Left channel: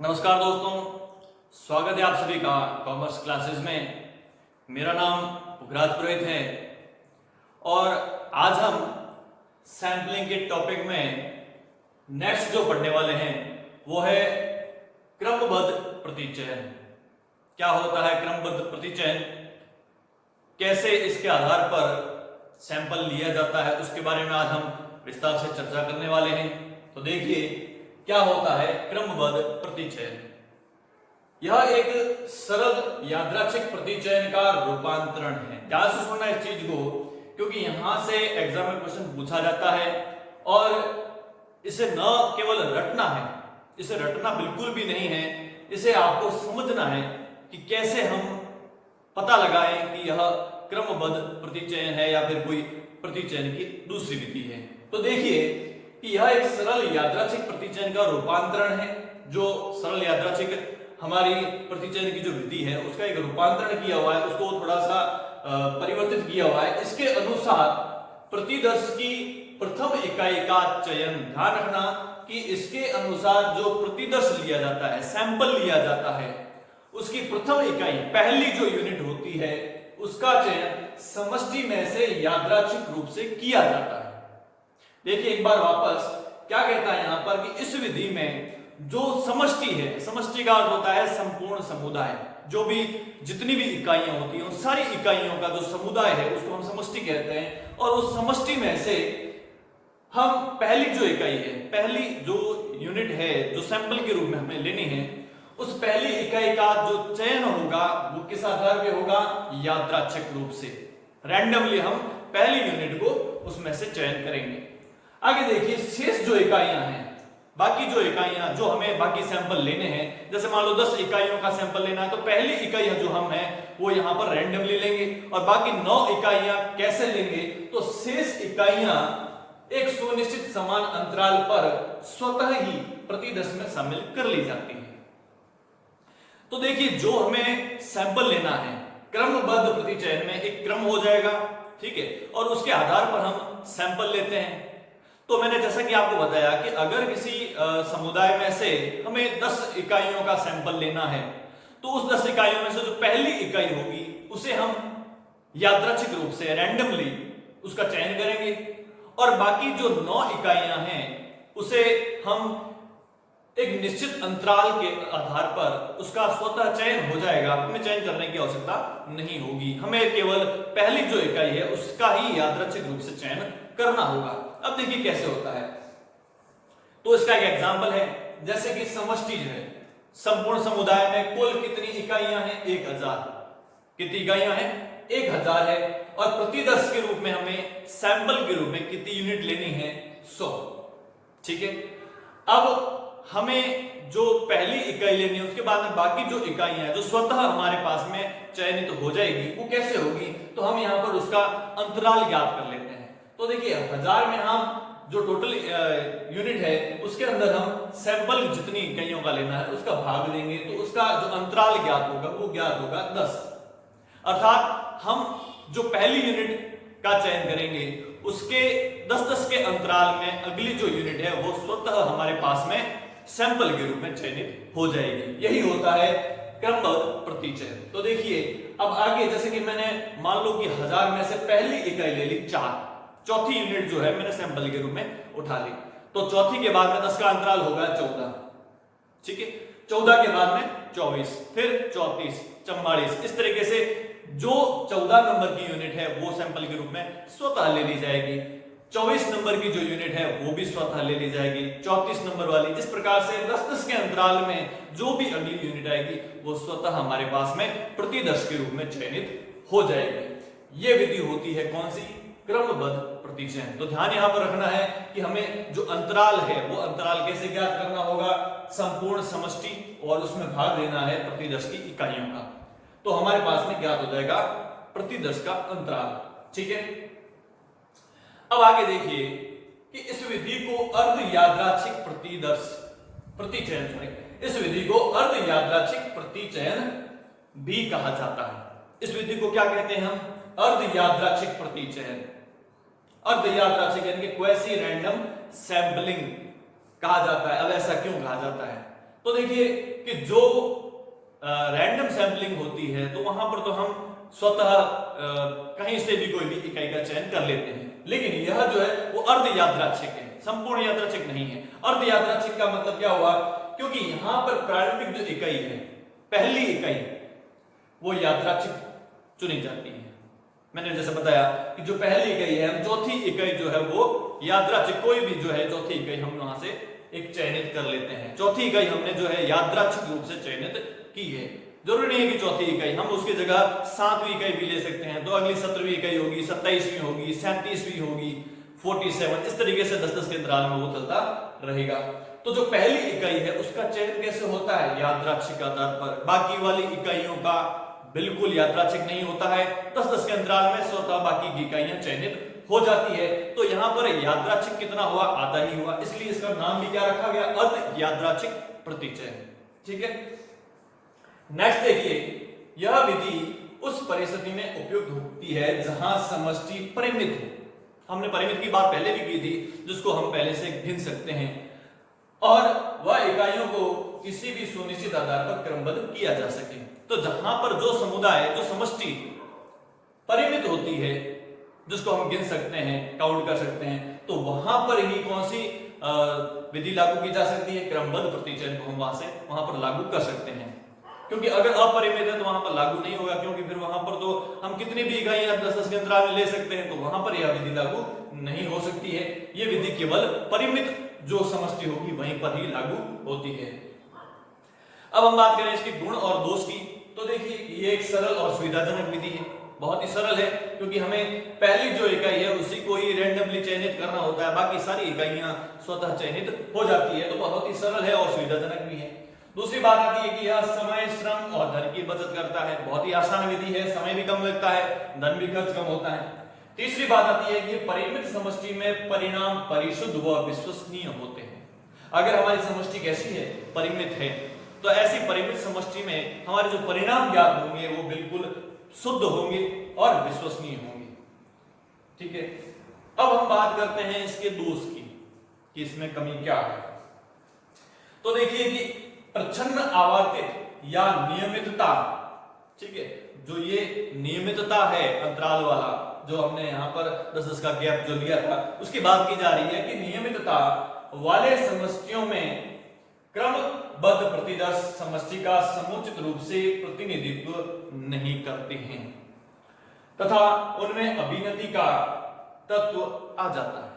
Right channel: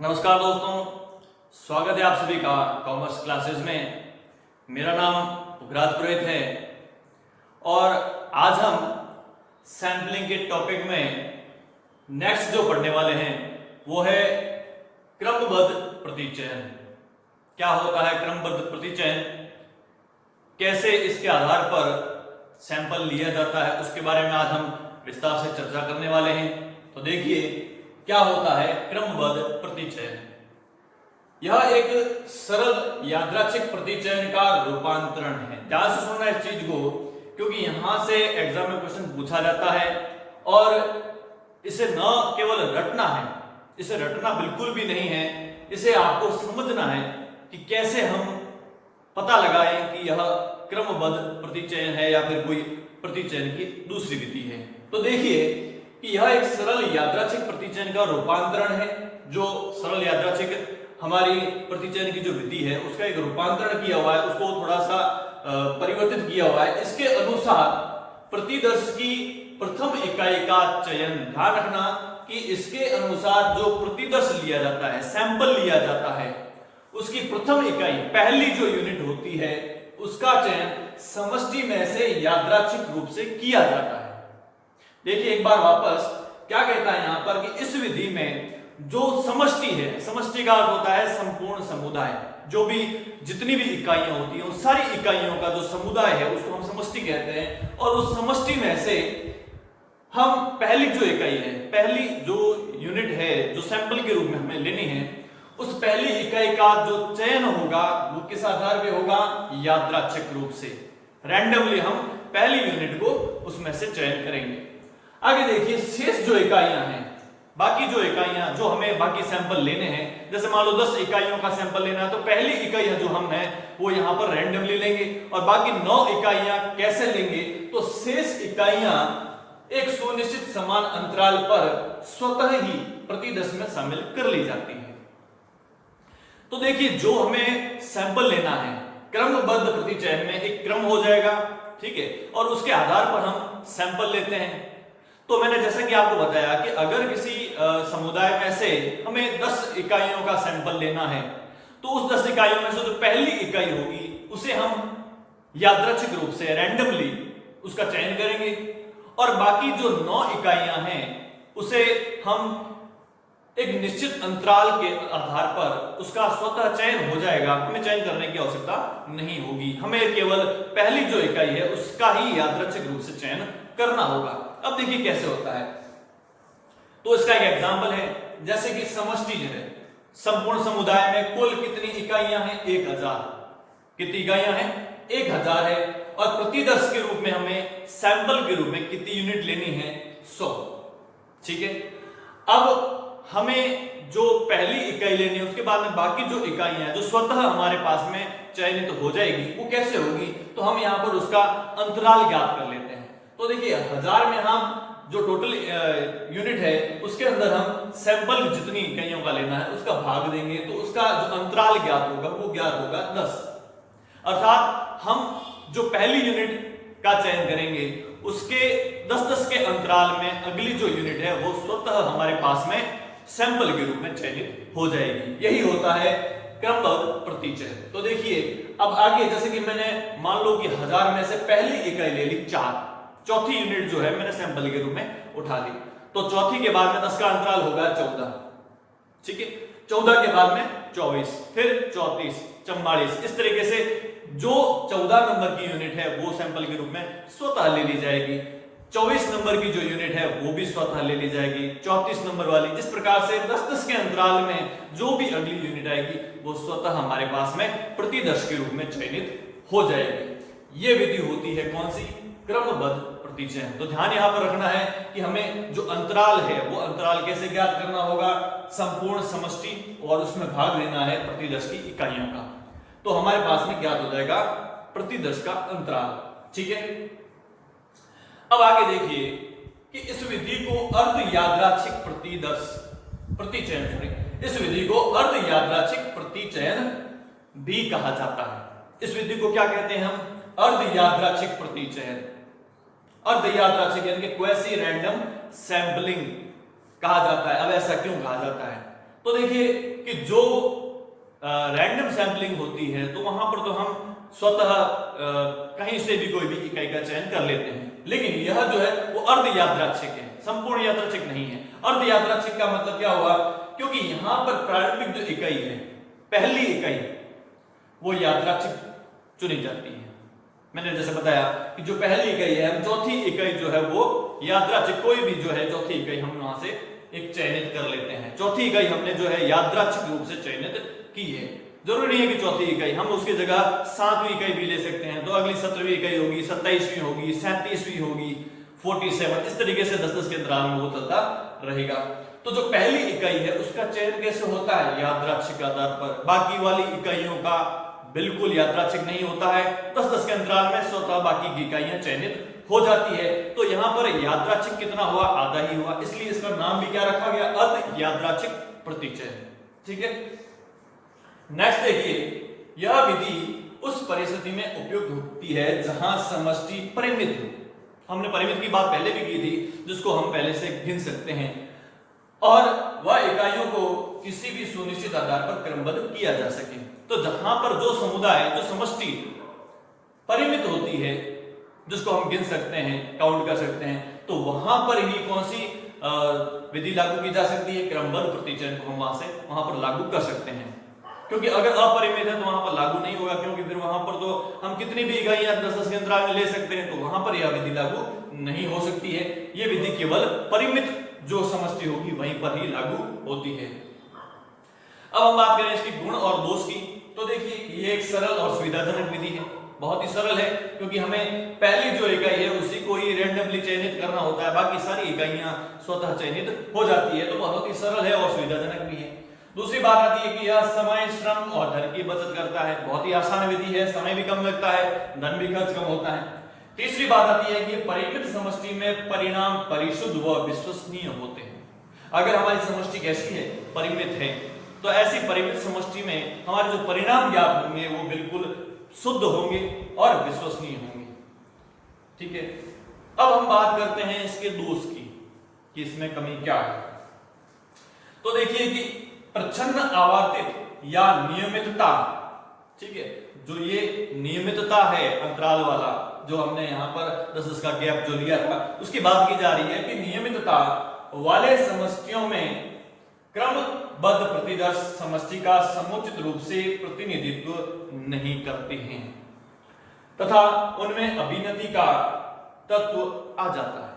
नमस्कार दोस्तों, स्वागत है आप सभी का कॉमर्स क्लासेस में। मेरा नाम पुखराज पुरोहित है और आज हम सैम्पलिंग के टॉपिक में नेक्स्ट जो पढ़ने वाले हैं वो है क्रमबद्ध प्रतिचयन। क्या होता है क्रमबद्ध प्रतिचयन, कैसे इसके आधार पर सैंपल लिया जाता है, उसके बारे में आज हम विस्तार से चर्चा करने वाले हैं। तो देखिए क्या होता है क्रमबद्ध प्रतिचयन। यह एक सरल यादृच्छिक प्रतिचयन का रूपांतरण है। ध्यान से सुनना इस चीज को, क्योंकि यहां से एग्जाम में क्वेश्चन पूछा जाता है और इसे न केवल रटना है, इसे रटना बिल्कुल भी नहीं है, इसे आपको समझना है कि कैसे हम पता लगाएं कि यह क्रमबद्ध प्रतिचयन है या फिर कोई प्रतिचयन की दूसरी विधि है। तो देखिए कि यह एक सरल यादृच्छिक प्रतिचयन का रूपांतरण है। जो सरल यादृच्छिक हमारी प्रतिचयन की जो विधि है उसका एक रूपांतरण किया हुआ है, उसको थोड़ा सा परिवर्तित किया हुआ है। इसके अनुसार प्रतिदर्श की प्रथम इकाई का चयन, ध्यान रखना कि इसके अनुसार जो प्रतिदर्श लिया जाता है, सैंपल लिया जाता है, उसकी प्रथम इकाई पहली जो यूनिट होती है उसका चयन समष्टि में से यादृच्छिक रूप से किया जाता है। देखिए एक बार वापस क्या कहता है यहां पर कि इस विधि में जो समष्टि है, समष्टि का अर्थ होता है संपूर्ण समुदाय, जो भी जितनी भी इकाइयां होती हैं उन सारी इकाइयों का जो समुदाय है उसको हम समष्टि कहते हैं। और उस समष्टि में से हम पहली जो इकाई है, पहली जो यूनिट है जो सैंपल के रूप में हमें लेनी है, उस पहली इकाई का जो चयन होगा वो किस आधार पे होगा, यादृच्छिक रूप से। रैंडमली हम पहली यूनिट को उसमें से चयन करेंगे। आगे देखिए शेष जो इकाइयां हैं, बाकी जो इकाइयां जो हमें बाकी सैंपल लेने हैं, जैसे मान लो 10 इकाइयों का सैंपल लेना है तो पहली इकाइयां जो हम है वो यहां पर रैंडमली लेंगे और बाकी 9 इकाइयां कैसे लेंगे, तो शेष इकाइयां एक सुनिश्चित समान अंतराल पर स्वतः ही प्रतिदर्श में शामिल कर ली जाती है। तो देखिए जो हमें सैंपल लेना है क्रमबद्ध प्रतिचयन में एक क्रम हो जाएगा, ठीक है, और उसके आधार पर हम सैंपल लेते हैं। तो मैंने जैसा कि आपको बताया कि अगर किसी समुदाय में से हमें 10 इकाइयों का सैंपल लेना है तो उस 10 इकाइयों में से जो पहली इकाई होगी उसे हम यादृच्छिक रूप से रैंडमली उसका चयन करेंगे और बाकी जो 9 इकाइयां हैं उसे हम एक निश्चित अंतराल के आधार पर उसका स्वतः चयन हो जाएगा। हमें चयन करने की आवश्यकता नहीं होगी, हमें केवल पहली जो इकाई है उसका ही यादृच्छिक रूप से चयन करना होगा। अब देखिए कैसे होता है, तो इसका एक एग्जांपल है, जैसे कि समष्टि है, संपूर्ण समुदाय में कुल कितनी इकाइयां हैं, 1000। कितनी इकाइयां हैं, 1000 है और प्रतिदर्श के रूप में हमें सैंपल के रूप में कितनी यूनिट लेनी है, 100। ठीक है, अब हमें जो पहली इकाई लेनी है उसके बाद में बाकी जो इकाइयां जो स्वतः हमारे पास में चयनित हो जाएगी वो कैसे होगी, तो हम यहां पर उसका अंतराल ज्ञात कर लेते हैं। तो देखिए 1000 में हम जो टोटल यूनिट है उसके अंदर हम सैंपल जितनी इकाइयों का लेना है उसका भाग देंगे, तो उसका जो अंतराल ज्ञात होगा वो ज्ञात होगा 10। अर्थात हम जो पहली यूनिट का चयन करेंगे उसके 10-10 के अंतराल में अगली जो यूनिट है वो स्वतः हमारे पास में सैंपल के रूप में चयनित हो जाएगी। यही होता है क्रमबद्ध प्रतिचयन। तो देखिए अब आगे, जैसे कि मैंने मान लो कि 1000 में से पहली इकाई ले ली 4, चौथी यूनिट जो है मैंने सैंपल के रूप में उठा ली, तो चौथी के बाद में 10 का अंतराल होगा 14। ठीक है, 14 के बाद में 24, फिर 34, 44, इस तरीके से जो 14 नंबर की यूनिट है वो सैंपल के रूप में स्वतः ले ली जाएगी। 24 नंबर की जो यूनिट है वो भी स्वतः ले ली जाएगी, 34 नंबर वाली। इस प्रकार से 10-10 के अंतराल में जो भी अगली यूनिट आएगी वो स्वतः हमारे पास में प्रतिदर्श के रूप में चयनित हो जाएगी। ये विधि होती है कौन सी, क्रमबद्ध प्रतिचयन। तो ध्यान यहां पर रखना है कि हमें जो अंतराल है वो अंतराल कैसे ज्ञात करना होगा, संपूर्ण समष्टि और उसमें भाग लेना है प्रतिदर्श की इकाइयों का, तो हमारे पास में ज्ञात हो जाएगा प्रतिदर्श का अंतराल। ठीक है, अब आगे देखिए कि इस विधि को अर्ध यादृच्छिक प्रतिचयन, इस विधि को अर्ध यादृच्छिक प्रतिचयन भी कहा जाता है। इस विधि को क्या कहते हैं हम, अर्ध यादृच्छिक प्रतिचयन। अर्ध यादृच्छिक यानी कि क्वेसी रैंडम सैंपलिंग कहा जाता है। अब ऐसा क्यों कहा जाता है, तो देखिए कि जो रैंडम सैंपलिंग होती है तो वहां पर तो हम स्वतः कहीं से भी कोई भी इकाई का चयन कर लेते हैं, लेकिन यह जो है वो अर्ध यादृच्छिक है, संपूर्ण यादृच्छिक नहीं है। अर्ध यादृच्छिक का मतलब क्या हुआ, क्योंकि यहां पर प्रारंभिक जो इकाई है, पहली इकाई, वो यादृच्छिक चुनी जाती है। मैंने जैसे बताया कि जो पहली इकाई है, हम चौथी इकाई जो है वो यादृच्छिक, कोई भी जो है चौथी इकाई हम वहां से एक चयनित कर लेते हैं। चौथी इकाई हमने जो है यादृच्छिक रूप से चयनित की है। जरूरी नहीं है कि चौथी इकाई, हम उसकी जगह 7वीं इकाई भी ले सकते हैं, तो अगली 17वीं इकाई होगी, 27वीं होगी, 37वीं होगी, 47, इस तरीके से 10-10 के अंतराल में वो चलता रहेगा। तो जो पहली इकाई है उसका चयन कैसे होता है, यादृच्छिक आधार पर। बाकी वाली इकाइयों का बिल्कुल यादृच्छिक नहीं होता है, 10-10 के अंतराल में स्वतः बाकी की इकाइयां चयनित हो जाती है। तो यहां पर यादृच्छिक कितना हुआ, आधा ही हुआ, इसलिए इसका नाम भी क्या रखा गया, अर्ध यादृच्छिक प्रतिचय। ठीक है, नेक्स्ट देखिए, यह विधि उस परिस्थिति में उपयुक्त होती है जहां समष्टि परिमित हो। हमने परिमित की बात पहले भी की थी, जिसको हम पहले से गिन सकते हैं, और वह इकाइयों को किसी भी सुनिश्चित आधार पर क्रमबद्ध किया जा सके। तो जहां पर जो समुदाय, जो समष्टि परिमित होती है, जिसको हम गिन सकते हैं, काउंट कर सकते हैं, तो वहां पर ही कौन सी विधि लागू की जा सकती है, क्रमबद्ध प्रतिचयन को हम वहां पर लागू कर सकते हैं। क्योंकि अगर अपरिमित है तो वहां पर लागू नहीं होगा, क्योंकि फिर वहां पर तो हम कितनी भी इकाइयां 10-10 के अंतराल में ले सकते हैं, तो वहां पर यह विधि लागू नहीं हो सकती है। यह विधि केवल परिमित जो समष्टि होगी वहीं पर ही लागू होती है। अब हम बात करें इसके गुण और दोष की, तो देखिए ये एक सरल और सुविधाजनक विधि है, बहुत ही सरल है, क्योंकि हमें पहली जो इकाई है उसी को ही रैंडमली चयनित करना होता है, बाकी सारी इकाइयां स्वतः चयनित हो जाती है, तो बहुत ही सरल है और सुविधाजनक भी है। दूसरी बात आती है कि यह समय, श्रम और धन की बचत करता है, बहुत ही आसान विधि है, समय भी कम लगता है, धन भी खर्च कम होता है। तीसरी बात आती है कि परिमित समष्टि में परिणाम परिशुद्ध व विश्वसनीय होते हैं। अगर हमारी समष्टि कैसी है, परिमित है, तो ऐसी परिमित समष्टि में हमारे जो परिणाम ज्ञात होंगे वो बिल्कुल शुद्ध होंगे और विश्वसनीय होंगे। ठीक है, अब हम बात करते हैं इसके दोष की, कि इसमें कमी क्या है। तो देखिए कि प्रच्छन्न आवर्तित या नियमितता, ठीक है, जो ये नियमितता है अंतराल वाला, जो हमने यहाँ पर 10-10 का गैप जो लिया था, उसकी बात की जा रही है कि नियमितता वाले समष्टियों में क्रमबद्ध प्रतिदर्श समष्टि का समुचित रूप से प्रतिनिधित्व नहीं करते हैं तथा उनमें अभिनति का तत्व आ जाता है।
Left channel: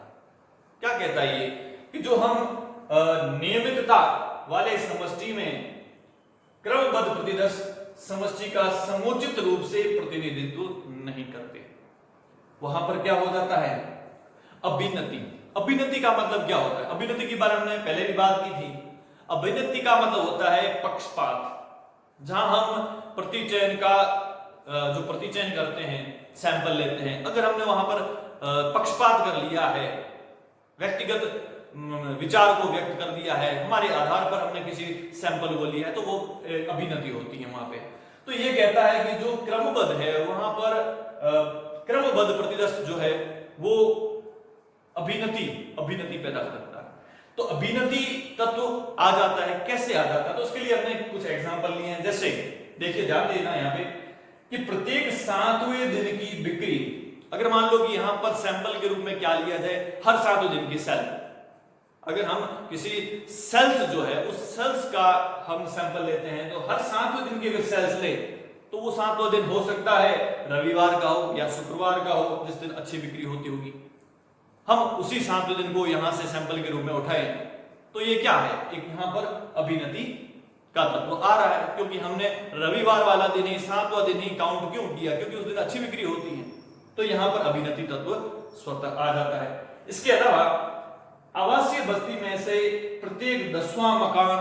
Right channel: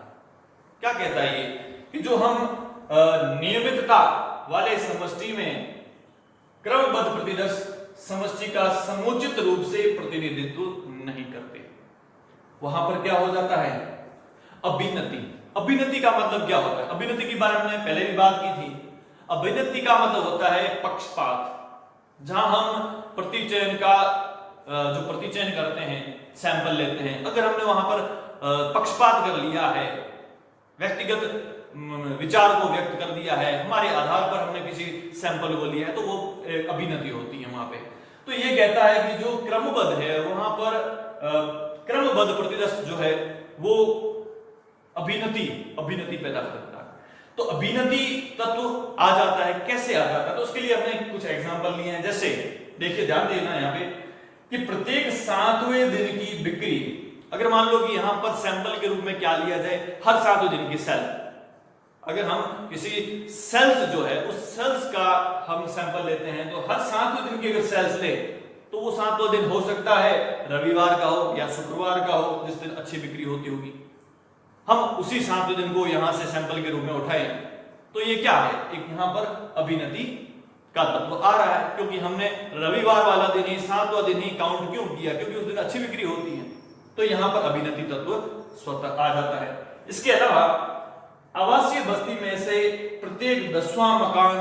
क्या कहता है ये, कि जो हम नियमितता वाले समष्टि में क्रमबद्ध प्रतिदर्श समष्टि का समुचित रूप से प्रतिनिधित्व नहीं करते, वहां पर क्या हो जाता है, अभिनति। अभिनति का मतलब क्या होता है, अभिनति के बारे में हमने पहले भी बात की थी। अभिनति का मतलब होता है पक्षपात, जहां हम प्रतिचयन का जो प्रतिचयन करते हैं, सैंपल लेते हैं, अगर हमने वहां पर पक्षपात कर लिया है, व्यक्तिगत विचार को व्यक्त कर दिया है, हमारे आधार पर हमने किसी सैंपल को लिया है, तो वो अभिनति होती है वहां पे। तो ये कहता है कि जो क्रमबद्ध है वहां पर क्रमबद्ध प्रतिदर्श जो है वो अभिनति पैदा करता है। तो अभिनति तत्व आ जाता है, कैसे आ जाता है, तो उसके लिए हमने कुछ एग्जांपल लिए हैं। जैसे देखिए, ध्यान देना यहाँ पे कि प्रत्येक 7वें दिन की बिक्री, अगर मान लो कि यहां पर सैंपल के रूप में क्या लिया जाए, हर 7वें दिन की सेल, अगर हम किसी सेल्स जो है उस सेल्स का हम सैंपल लेते हैं, तो हर 7वें दिन के अगर सेल्स ले, तो वो 7वां दिन हो सकता है रविवार का हो या शुक्रवार का हो, जिस दिन अच्छी बिक्री होती होगी। हम उसी 7वें दिन को यहां से सैंपल के रूप में उठाए, तो ये क्या है, एक यहां पर अभिनति का तत्व आ रहा है, क्योंकि हमने रविवार वाला दिन ही, 7वां दिन ही काउंट क्यों किया, क्योंकि उस दिन अच्छी बिक्री होती है, तो यहां पर अभिनति तत्व स्वतः आ जाता है। इसके अलावा आवासीय बस्ती में से प्रत्येक 10वां मकान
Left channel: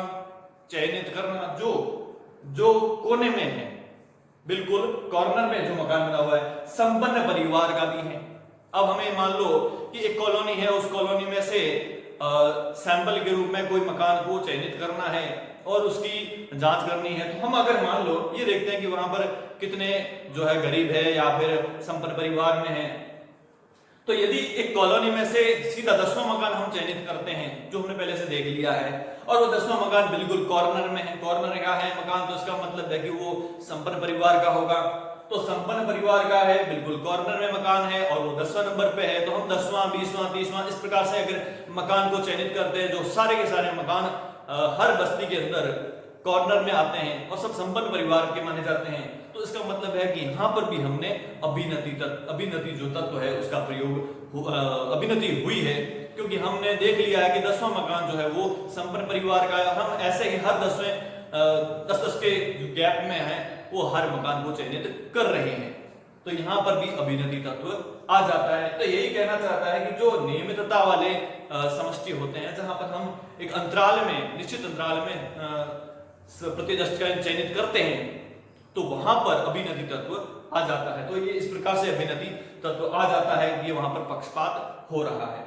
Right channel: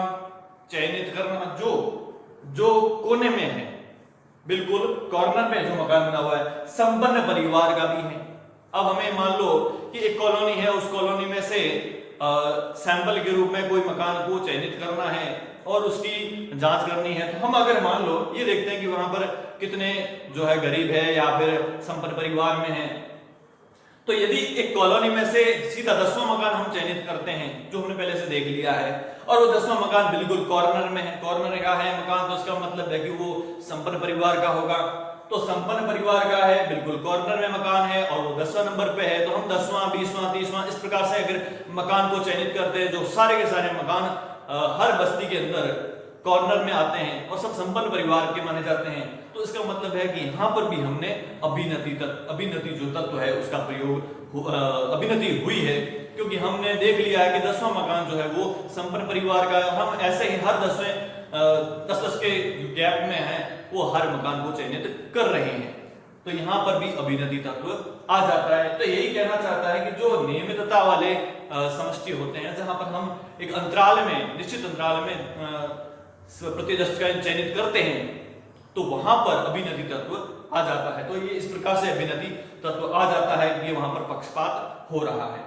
चयनित करना, जो कोने में है, बिल्कुल कॉर्नर में जो मकान बना हुआ है, संपन्न परिवार का भी है। अब हमें मान लो कि एक कॉलोनी है, उस कॉलोनी में से सैंपल के रूप में कोई मकान को चयनित करना है और उसकी जांच करनी है, तो हम अगर मान लो ये देखते हैं कि वहां पर कितने जो है गरीब है या फिर संपन्न परिवार में है, तो यदि एक कॉलोनी में से सीधा 10वां मकान हम चयनित करते हैं, जो हमने पहले से देख लिया है, और वो 10वां मकान बिल्कुल कॉर्नर में है, कॉर्नर का है मकान, तो इसका मतलब है कि वो संपन्न परिवार का होगा। तो संपन्न परिवार का है, बिल्कुल कॉर्नर में मकान है और वो 10वां नंबर पे है, तो हम 10वां 20वां 30वां इस प्रकार से अगर मकान को चयनित करते हैं, जो सारे के सारे मकान हर बस्ती के अंदर कॉर्नर में आते हैं और सब संपन्न परिवार के माने जाते हैं, तो इसका मतलब है कि यहाँ पर भी हमने अभिनति जो तत्व है उसका प्रयोग अभिनति हुई है, क्योंकि हमने देख लिया है कि 10वां मकान जो है वो संपन्न परिवार का है। हम ऐसे ही हर 10 के गैप में है वो हर मकान को चयनित कर रहे हैं, तो यहाँ पर भी अभिनति तत्व आ जाता है। तो यही कहना चाहता है कि जो नियमितता वाले समष्टि होते हैं, जहां पर हम एक अंतराल में, निश्चित अंतराल में प्रतिदश का चयनित करते हैं, तो वहां पर अभिनति तत्व आ जाता है। तो ये इस प्रकार से अभिनति तत्व आ जाता है कि वहां पर पक्षपात हो रहा है।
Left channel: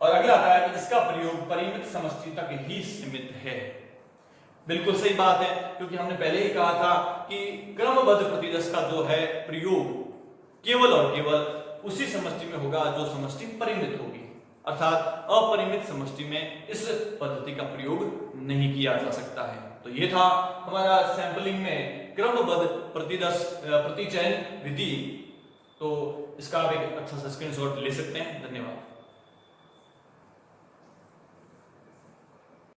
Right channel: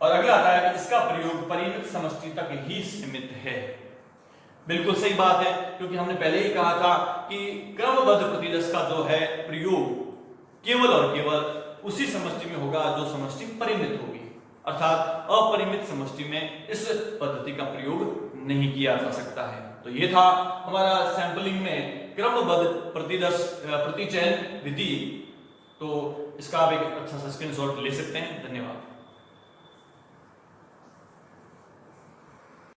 और अगला आता है कि इसका प्रयोग परिमित समष्टि तक ही सीमित है। बिल्कुल सही बात है, क्योंकि हमने पहले ही कहा था कि क्रमबद्ध प्रतिदश का जो है प्रयोग केवल और केवल उसी समष्टि में होगा जो समष्टि परिमित होगी, अर्थात अपरिमित समष्टि में इस पद्धति का प्रयोग नहीं किया जा सकता है। तो ये था हमारा सैंपलिंग में क्रमबद्ध प्रतिचयन विधि। तो इसका आप एक अच्छा सा स्क्रीनशॉट ले सकते हैं। धन्यवाद।